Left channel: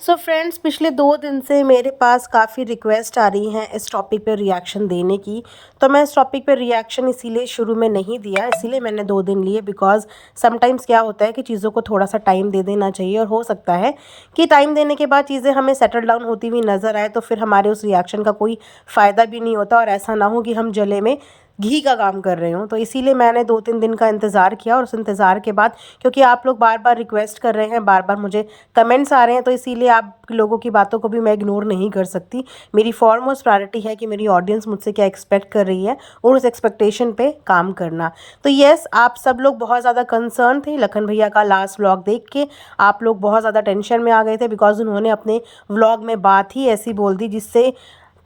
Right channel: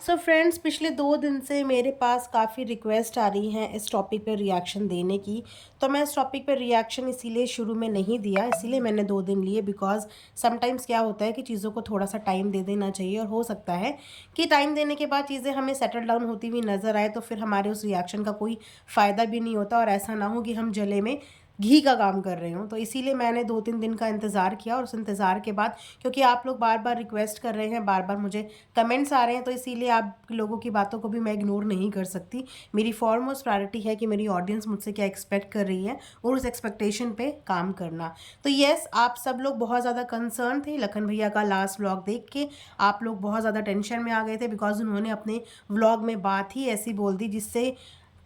So friends, पिछले 2 दिन से मेरे पास काफ़ी रिक्वेस्ट आ रही हैं इस टॉपिक पे रिएक्शन देने की। तो मैं इस टॉपिक पे रिएक्शन इसीलिए शुरू में नहीं दिया, इसीलिए मैंने 2 दिन लिए बिकॉज़ समटाइम्स क्या होता है कि चीज़ों को थोड़ा सा टाइम दे देना चाहिए, और हो सकता है कि टाइम देने के बाद चीज़ें हमें सेटल डाउन होती हुई नज़र आए, तो फिर हमारे उस रिएक्शन का कोई फ़ायदा भी नहीं होता, और ऐसा ना हो कि हम जले में घी का काम कर रहे हों। तो इसीलिए मैंने 2-3 दिन का इंतज़ार किया, और उस इंतज़ार के बाद क्योंकि आप लोग बार बार रिक्वेस्ट कर रहे हैं, बार बार मुझे कमेंट्स आ रहे हैं, तो इसीलिए आप लोगों की बातों को भी मैं इग्नोर नहीं कर सकती। मेरी फॉरमोस्ट प्रायोरिटी है कि मेरी ऑडियंस मुझसे क्या एक्सपेक्ट कर रही है, और उस एक्सपेक्टेशन पे काम करना। तो येस, आप सब लोग बहुत ज़्यादा कंसर्न थे लखन भैया का लास्ट व्लॉग देख के। आप लोग बहुत ज़्यादा टेंशन में आ गए थे बिकॉज उन्होंने अपने व्लॉग में बात ही ऐसी बोल दी जिससे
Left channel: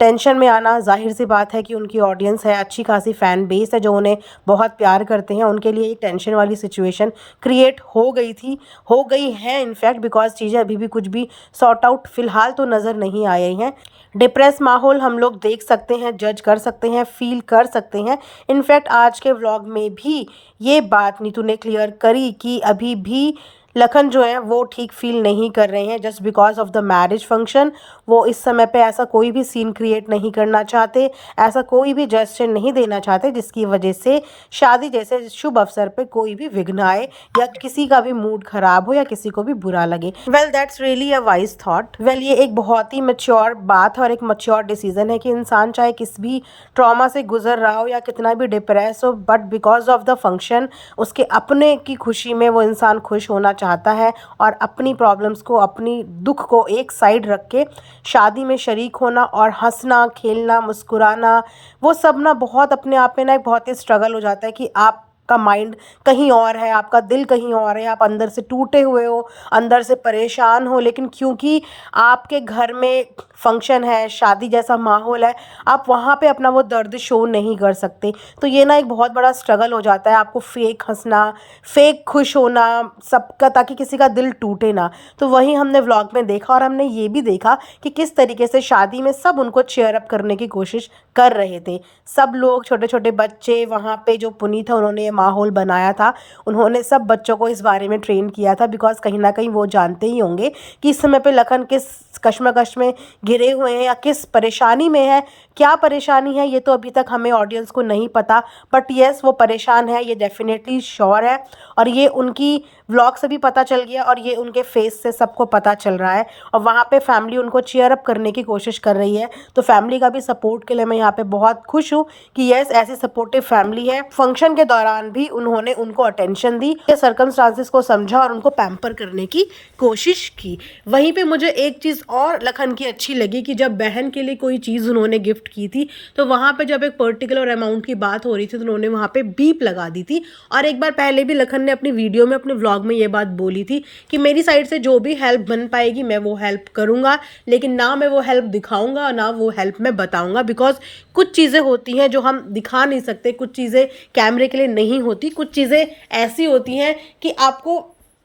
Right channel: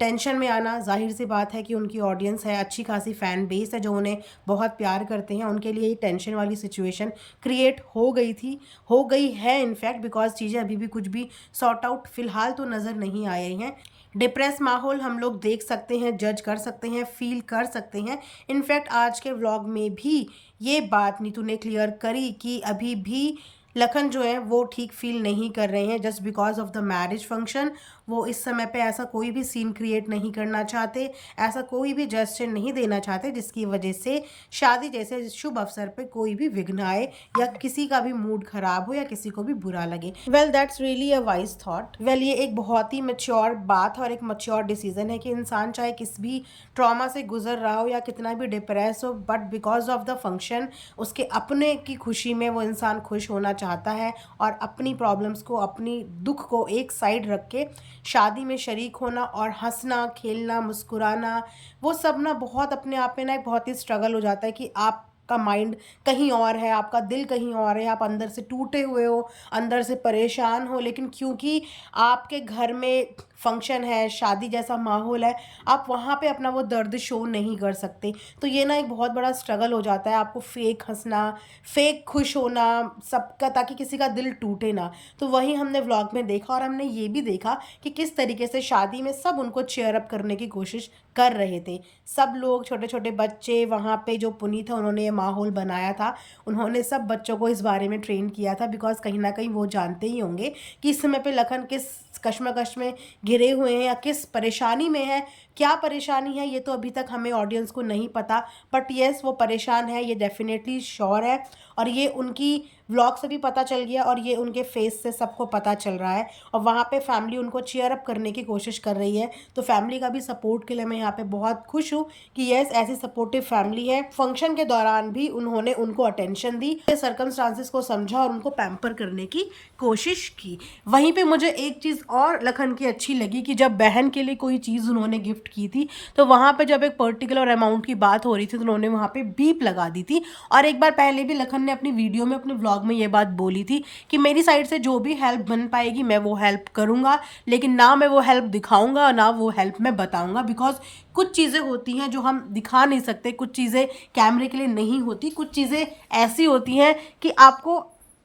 टेंशन में आना जाहिर सी बात है कि उनकी ऑडियंस है, अच्छी खासी फ़ैन बेस है जो उन्हें बहुत प्यार करते हैं, उनके लिए एक टेंशन वाली सिचुएशन क्रिएट हो गई थी, हो गई है इनफैक्ट, बिकॉज चीज़ें अभी भी कुछ भी सॉर्ट आउट फ़िलहाल तो नज़र नहीं आए हैं। डिप्रेस माहौल हम लोग देख सकते हैं, जज कर सकते हैं, फील कर सकते हैं। इनफैक्ट आज के व्लॉग में भी ये बात नीतू ने क्लियर करी कि अभी भी लखन जो है वो ठीक फील नहीं कर रहे हैं just because of the marriage function. वो इस समय पे ऐसा कोई भी सीन क्रिएट नहीं करना चाहते, ऐसा कोई भी जेस्चर नहीं देना चाहते जिसकी वजह से शादी जैसे शुभ अवसर पे कोई भी विघ्न आए, या किसी का भी मूड खराब हो, या किसी को भी बुरा लगे। Well, that's really a wise thought. Well, ये एक बहुत ही मैच्योर बात है और एक मैच्योर डिसीजन है कि इंसान चाहे किस भी ट्रॉमा से गुजर रहा हो या कितना भी डिप्रेस हो, but because of the function उसके अपने की खुशी में वो इंसान खुश होना चाहता है, और अपनी प्रॉब्लम्स को, अपनी दुख को एक साइड रख के शादी में शरीक होना और हंसना, खेलना, मुस्कुराना, वो सब ना बहुत अपने आप में ना एक बहुत ही स्ट्रगल हो जाता है कि आपका माइंड कहीं और है, आपका दिल कहीं और है, आप अंदर से टूटे हुए हो, अंदर से परेशान हो, लेकिन क्योंकि आपके घर में फंक्शन है, शादी जैसा माहौल है, आप वहाँ पे अपना वो दर्द शो नहीं कर सकते। तो ये ना एक बहुत बड़ा स्ट्रगल हो जाता है आपको फेक हंसना, फेक खुश होना सबका, ताकि किसी का दिल टूटे ना। तो वही हमने व्लॉग में देखा, और हमने ये भी देखा कि किस तरीके से शादी में सब उनको चेयर अप करने की कोशिश कर रहे थे। सब लोग, छोटे छोटे बच्चे, वहाँ पे जो पुनीत है उन्होंने ये माहौल बनाया था, उन्होंने सब बच्चों को इस बारे में ट्रेन किया था, बिकॉज कहीं ना कहीं वो जानते ही होंगे कि इस समय पे लखन किस कश्मकश में घिरे हुए हैं या किस परेशानी में है। क्या परेशानी है ये तो अभी तक हमें ऑडियंस को नहीं पता, बट येस वो परेशान है, ये डेफिनेटली श्योर है, और ये उनकी व्लॉग से भी पता चल गया, और ये उनके फेस से सबको पता चल रहा है। और वहाँ पे फैमिली उनको चीयर अप करने की कोशिश कर रही है, तो फैमिली का भी सपोर्ट के लिए मैं यहाँ पे बहुत खुश हूँ कि यस, ऐसी सपोर्टिव फैमिली है। फंक्शन के दौरान भी उन्होंने उनको अटेंशन दी, सर्कमस्टांसेस को समझा और उनको पैम्पर करने की कोशिश की। वहीं पे मुझे एक चीज़ और लखन की अच्छी लगी कि जब बहन के लिए कोई चीज़ उन्होंने गिफ्ट की थी, तो वहाँ पे जब एक पर्टिकुलर अमाउंट की बात हो रही थी तो उन्होंने वहाँ पे बीप लगा दी थी। और एक बार पहले भी लखन ने अपनी वीडियो में, अपने व्लॉग में ये बात बोली थी कि मेरी साइड से जो भी हेल्प बन पाएगी मैं वो हेल्प करूँगा, लेकिन ना मैं वो हेल्प दिखाऊंगा और ना वो हेल्प मैं बताऊँगा, बिकॉज कुछ चीज़ें होती हैं जो हम दिखा नहीं सकते, कुछ चीज़ें कैमरे के लिए नहीं होती, कुछ चीज़ें ऐसी होती हैं कि आपको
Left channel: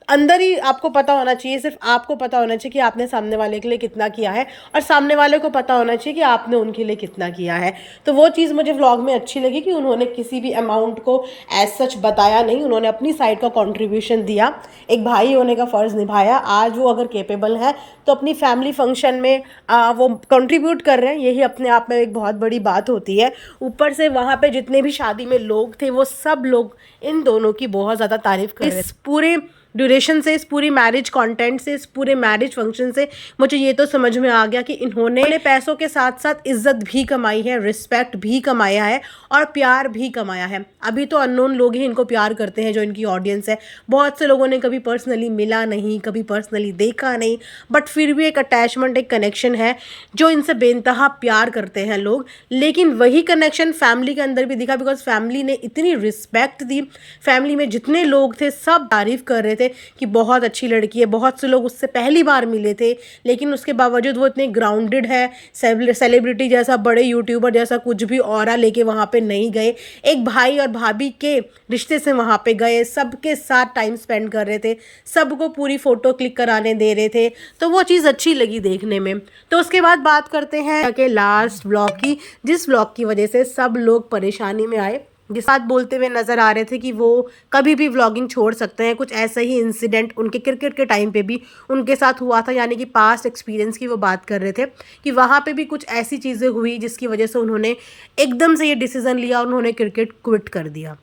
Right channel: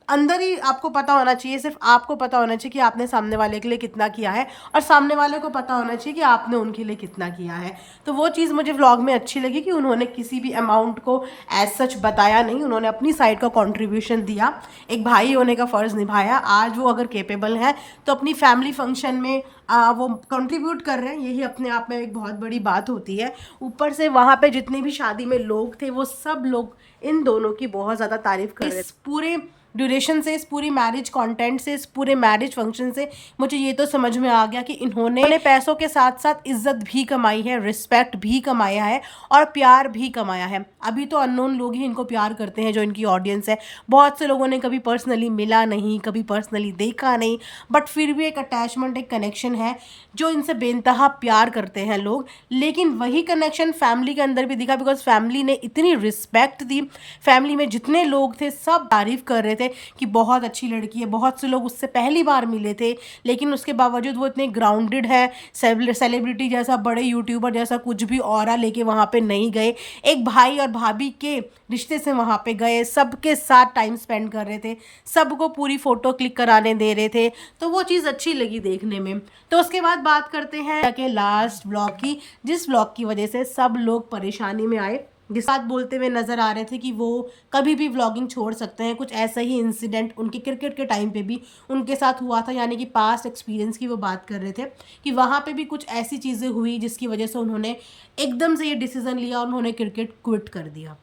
अंदर ही आपको पता होना चाहिए, सिर्फ आपको पता होना चाहिए कि आपने सामने वाले के लिए कितना किया है, और सामने वाले को पता होना चाहिए कि आपने उनके लिए कितना किया है। तो वो चीज़ मुझे व्लॉग में अच्छी लगी कि उन्होंने किसी भी अमाउंट को एज सच बताया नहीं, उन्होंने अपनी साइड का कंट्रीब्यूशन दिया, एक भाई होने का फ़र्ज़ निभाया। आज वो अगर केपेबल हैं तो अपनी फैमिली फंक्शन में वो कंट्रीब्यूट कर रहे हैं, यही अपने आप में एक बहुत बड़ी बात होती है। ऊपर से वहाँ पे जितने भी शादी में लोग थे वो सब लोग इन दोनों की बहुत ज़्यादा तारीफ कर रहे थे। इस पूरे ड्यूरेशन से, इस पूरी मैरिज कंटेंट से, इस पूरे मैरिज फंक्शन से मुझे ये तो समझ में आ गया कि इन्होंने पैसों के साथ साथ इज्जत भी कमाई है, रिस्पेक्ट भी कमाया है, और प्यार भी कमाया है। अभी तो अननोन लोग ही इनको प्यार करते हैं, जो इनकी ऑडियंस है। बहुत से लोगों ने कभी पर्सनली मिला नहीं, कभी पर्सनली देखा नहीं, बट फिर भी एक अटैचमेंट, एक कनेक्शन है जो इनसे बेइंतहा प्यार करते हैं लोग। लेकिन वही कनेक्शन फैमिली के अंदर भी दिखा, बिकॉज फैमिली ने इतनी रिस्पेक्ट दी। फैमिली में जितने लोग थे सब तारीफ कर रहे थे कि बहुत अच्छी लड़की है। बहुत से लोग उससे पहली बार मिले थे, लेकिन उसके बावजूद वो इतने ग्राउंडेड है, सेलिब्रिटी जैसा, बड़े यूट्यूबर जैसा कुछ भी ऑरा लेके वहाँ पे नहीं गए। एक भाई और भाभी के रिश्ते से वहाँ पे गए, सबके साथ टाइम स्पेंड कर रहे थे, सबको पूरी फ़ोटो क्लिक कराने दे रहे थे, तो वो चीज़ अच्छी लगी देखने में। तो उसके बाद बात करते हैं कि लास्ट व्लॉग की, जिस व्लॉग की वजह से सब लोग परेशानी में आए। जिस बात बोलते हुए नज़र आ रहे थे कि वो कभी भी व्लॉगिंग छोड़ सकते हैं। कुछ ऐसा ही इंसिडेंट उनके क्रिकेट के टाइम पे भी उनके साथ हुआ था, यानी कि पास्ट एक्सपीरियंस की वो बात कर रहे थे कि वहाँ पे भी कुछ ऐसी चीज़ें हुई जिसकी वजह से उन्होंने एकदम से ये डिसीज़न लिया और उन्होंने क्रिकेट क्विट कर दिया।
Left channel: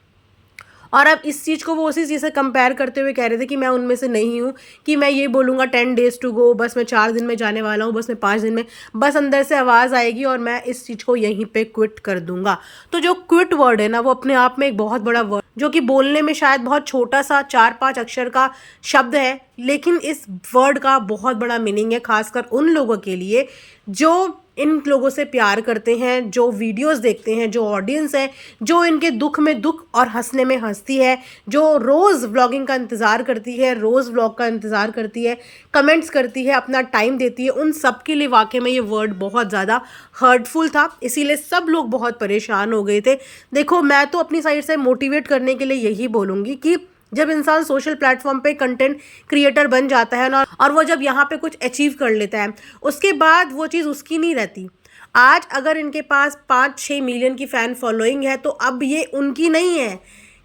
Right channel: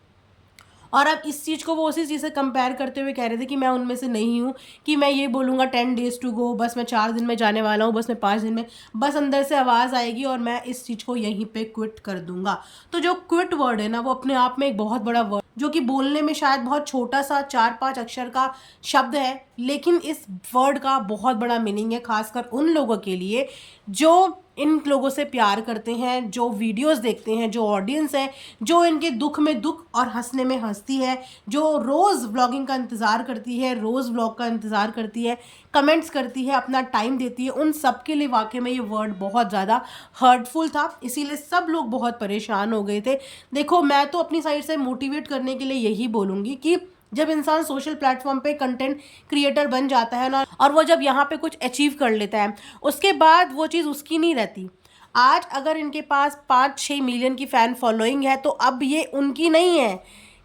और अब इस चीज़ को वो उसी चीज़ से कंपेयर करते हुए कह रहे थे कि मैं उनमें से नहीं हूँ कि मैं ये बोलूँगा 10 डेज़ टू गो, बस मैं 4 दिन में जाने वाला हूँ, बस मैं 5 दिन में, बस अंदर से आवाज़ आएगी और मैं इस चीज़ को यहीं पे क्विट कर दूँगा। तो जो क्विट वर्ड है ना, वो अपने आप में एक बहुत बड़ा वर्ड, जो कि बोलने में शायद बहुत छोटा सा 4-5 अक्षर का शब्द है, लेकिन इस वर्ड का बहुत बड़ा मीनिंग है, खासकर उन लोगों के लिए जो इन लोगों से प्यार करते हैं, जो वीडियोस देखते हैं, जो ऑडियंस है, जो इनके दुख में दुख और हंसने में हंसती है, जो रोज़ व्लॉगिंग का इंतज़ार करती है, रोज़ व्लॉग का इंतज़ार करती है, कमेंट्स करती है, अपना टाइम देती है, उन सब के लिए वाकई में ये वर्ड बहुत ज़्यादा हर्टफुल था। इसीलिए सब लोग बहुत परेशान हो गए थे। देखो, मैं तो अपनी साइड से मोटिवेट करने के लिए यही बोलूँगी कि जब इंसान सोशल प्लेटफॉर्म पे कंटेंट क्रिएटर बन जाता है ना, और वो जब यहाँ पे कुछ अचीव कर लेता है, उसके बाद वो चीज़ उसकी नहीं रहती। आज अगर इनके पास 5-6 मिलियन की फ़ैन फॉलोइंग है, तो अब ये उनकी नहीं है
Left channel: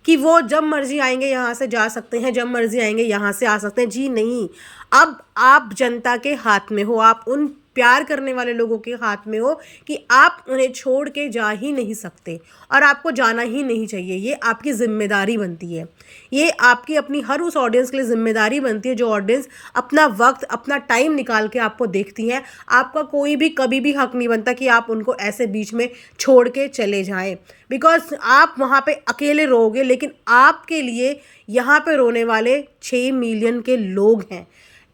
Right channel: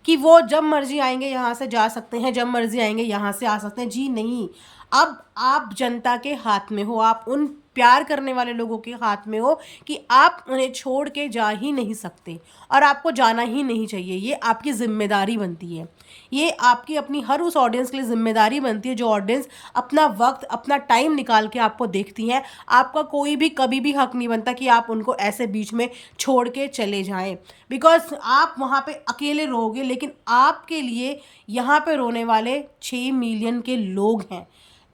कि वो जब मर्जी आएंगे यहाँ से जा सकते हैं, जब मर्जी आएंगे यहाँ से आ सकते हैं। जी नहीं, अब आप जनता के हाथ में हो, आप उन प्यार करने वाले लोगों के हाथ में हो कि आप उन्हें छोड़ के जा ही नहीं सकते और आपको जाना ही नहीं चाहिए। ये आपकी ज़िम्मेदारी बनती है, ये आपकी अपनी हर उस ऑडियंस के लिए ज़िम्मेदारी बनती है जो ऑडियंस अपना वक्त, अपना टाइम निकाल के आपको देखती है। आपका कोई भी कभी भी हक नहीं बनता कि आप उनको ऐसे बीच में छोड़ के चले जाएं, बिकॉज आप वहाँ पे अकेले रोओगे, लेकिन आपके लिए यहाँ पे रोने वाले 6 मिलियन के लोग हैं।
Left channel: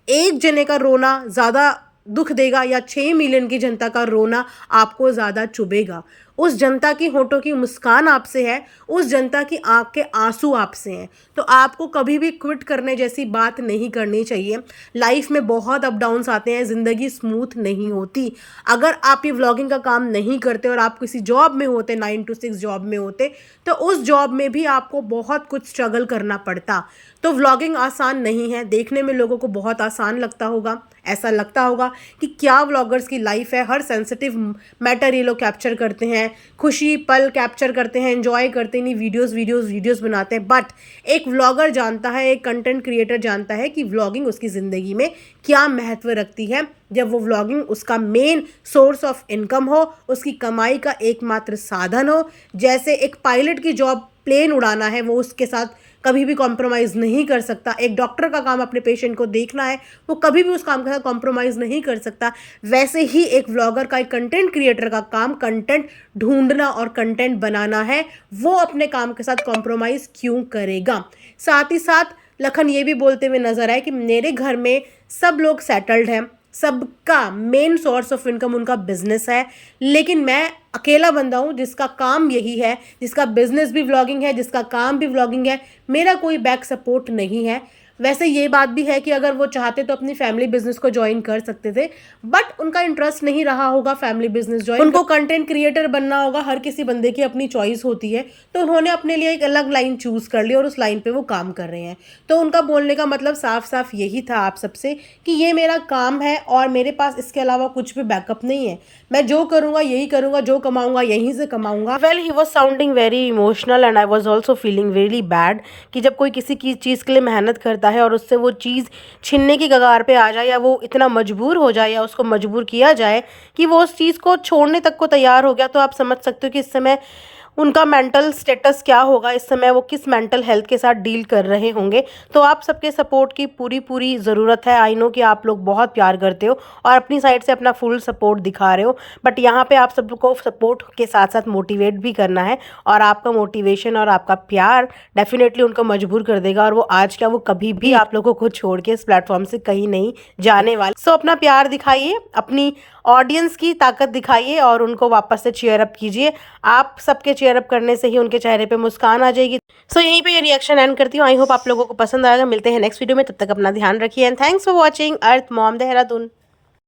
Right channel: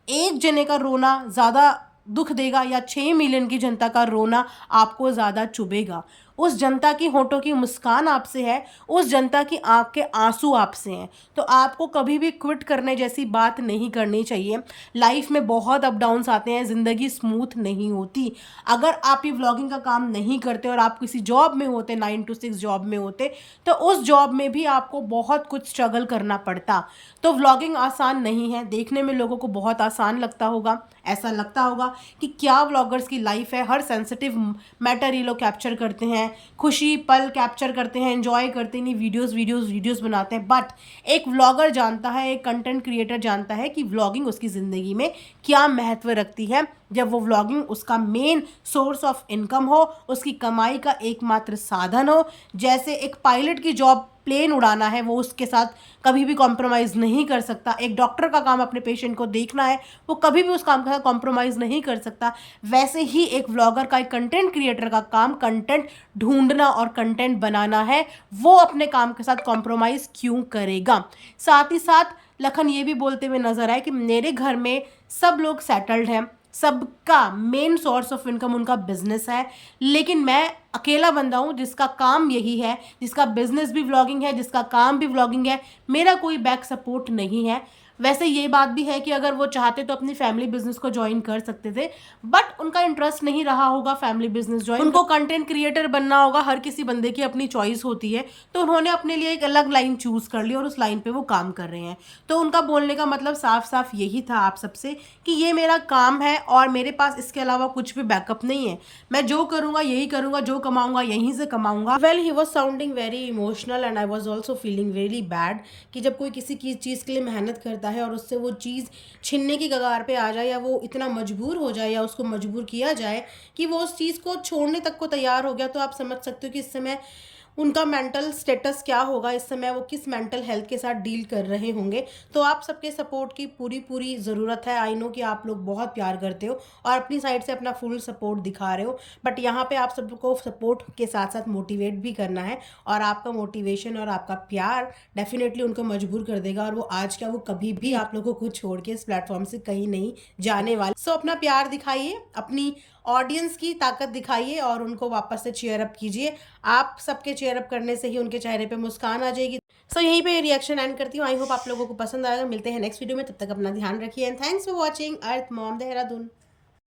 एक जने का रोना ज़्यादा दुख देगा या 6 मिलियन की जनता का रोना आपको ज़्यादा चुभेगा? उस जनता की होठों की मुस्कान आपसे है, उस जनता की आँख के आंसू आपसे हैं। तो आपको कभी भी क्विट करने जैसी बात नहीं करनी चाहिए। लाइफ में बहुत अप डाउन्स आते हैं, ज़िंदगी स्मूथ नहीं होती। अगर आप ये व्लॉगिंग का काम नहीं करते और आप किसी जॉब में होते, 9 to 6 जॉब में होते, तो उस जॉब में भी आपको बहुत कुछ स्ट्रगल करना पड़ता। तो व्लॉगिंग आसान नहीं है। देखने में लोगों को बहुत आसान लगता होगा, ऐसा लगता होगा कि क्या व्लॉगर्स की लाइफ है, हर सेंसिटिव मैटर ये लोग कैप्चर करते हैं, खुशी पल कैप्चर करते हैं, एंजॉय करते नहीं, वीडियोस बनाते हैं। बट एक व्लॉगर जानता है, एक कंटेंट क्रिएटर जानता है कि व्लॉगिंग उसकी ज़िंदगी में क्या महत्व रखती है। जब वो व्लॉगिंग उसका मेन सोर्स ऑफ इनकम हो, उसकी कमाई का एकमात्र साधन हो। जैसे एक पायलट की जॉब प्लेन उड़ाना है, वो उसके साथ कभी भी कॉम्प्रोमाइज़ नहीं कर सकता। एक डॉक्टर का काम अपने पेशेंट को देखना है, वो कभी भी उस काम के साथ कॉम्प्रोमाइज़ नहीं कर सकता। वैसे ही एक व्लॉगर का, एक कंटेंट क्रिएटर का काम कंटेंट ढूंढना और कंटेंट बनाना है। वो अपने काम के साथ कॉम्प्रोमाइज़ क्यों करेगा? साथ ही साथ लखन ये भी बोलते हुए नजर आए कि मेरे घर में सब लोग सेटल्ड हैं, सबका मेन सोर्स ऑफ इनकम उनका बिजनेस है, लेकिन मैं अकेला बंदा हूँ जिसका काम यही है, जिसका बिजनेस भी व्लॉगिंग है, जिसका काम भी व्लॉगिंग है। मेरा कोई बैक सपोर्ट नहीं है। वैसे ये बात भी है कि अगर वो चाहते तो अपनी फैमिली बिजनेस को ज्वाइन कर सकते थे, बट उनका इंटरेस्ट नहीं रहा होगा फैमिली बिजनेस ज्वाइन। उनको कंटेंट क्रिएटर बनना होगा। हर किसी बंदे की अपनी चॉइस होती है, तो उन्होंने अपने लिए एक अलग लाइन चूज कर ली और उस लाइन पे वो काम कर रहे हैं। तो उनका बोलने का मतलब साफ साफ यही था आप सबसे कि ये मेरा काम है और मेरे पास इसके अलावा कुछ भी बैकअप नहीं है। मैं जो करूँगा यही करूँगा, जो कमाऊँगा यहीं से कमाऊँगा। Well, he was sounding very emotional and I was also feeling really bad कि जब कोई किसी की चीज़ के लिए मेहनत करता है और उससे वो चीज़ छीनने की कगार पे आ जाए, या वो इतना मजबूर हो जाए, या उसको मजबूर किया जाए कि वो उस चीज़ को छोड़ने तक को तैयार हो गया, तो आप समझ सकते हो कि इस समय उनका मेंटल स्टेटस क्या होगा, इस समय वो किस मेंटल हेल्थ के साथ डील कर रहे होंगे। तो आप सबके सपोर्ट की पूरी ज़रूरत है। आई नो कि आप लोग बहुत प्यार करते हो और अपनी साइड से अपना फुल सपोर्ट दिखा रहे हो, बट यहाँ पे आप सबको सपोर्ट के साथ साथ मोटिवेट भी करना है, और आपका मोटिवेशन और आपका प्यार डेफिनेटली उनको मजबूर कर देगा, और वो आज क्या, वो कभी भी आप लोगों को छोड़ के इस प्लेटफॉर्म से कहीं नहीं जाने वाले। सो अपना प्यार दिखाइए, अपनी ऑडियंस की ताकत दिखाइए और उनको वापस से चीयर अप कीजिए। आप सबके चीयर अप करने से ही उनके चेहरे पे मुस्कान आ जाएगी। सो यहीं पे ये रिएक्शन एंड करती हूँ। आई होप आप लोगों को पसंद आएगा। मिलते हैं नेक्स्ट वीडियो में, तब तक अपना ध्यान रखिए and thanks for watching earth mom Dehradun.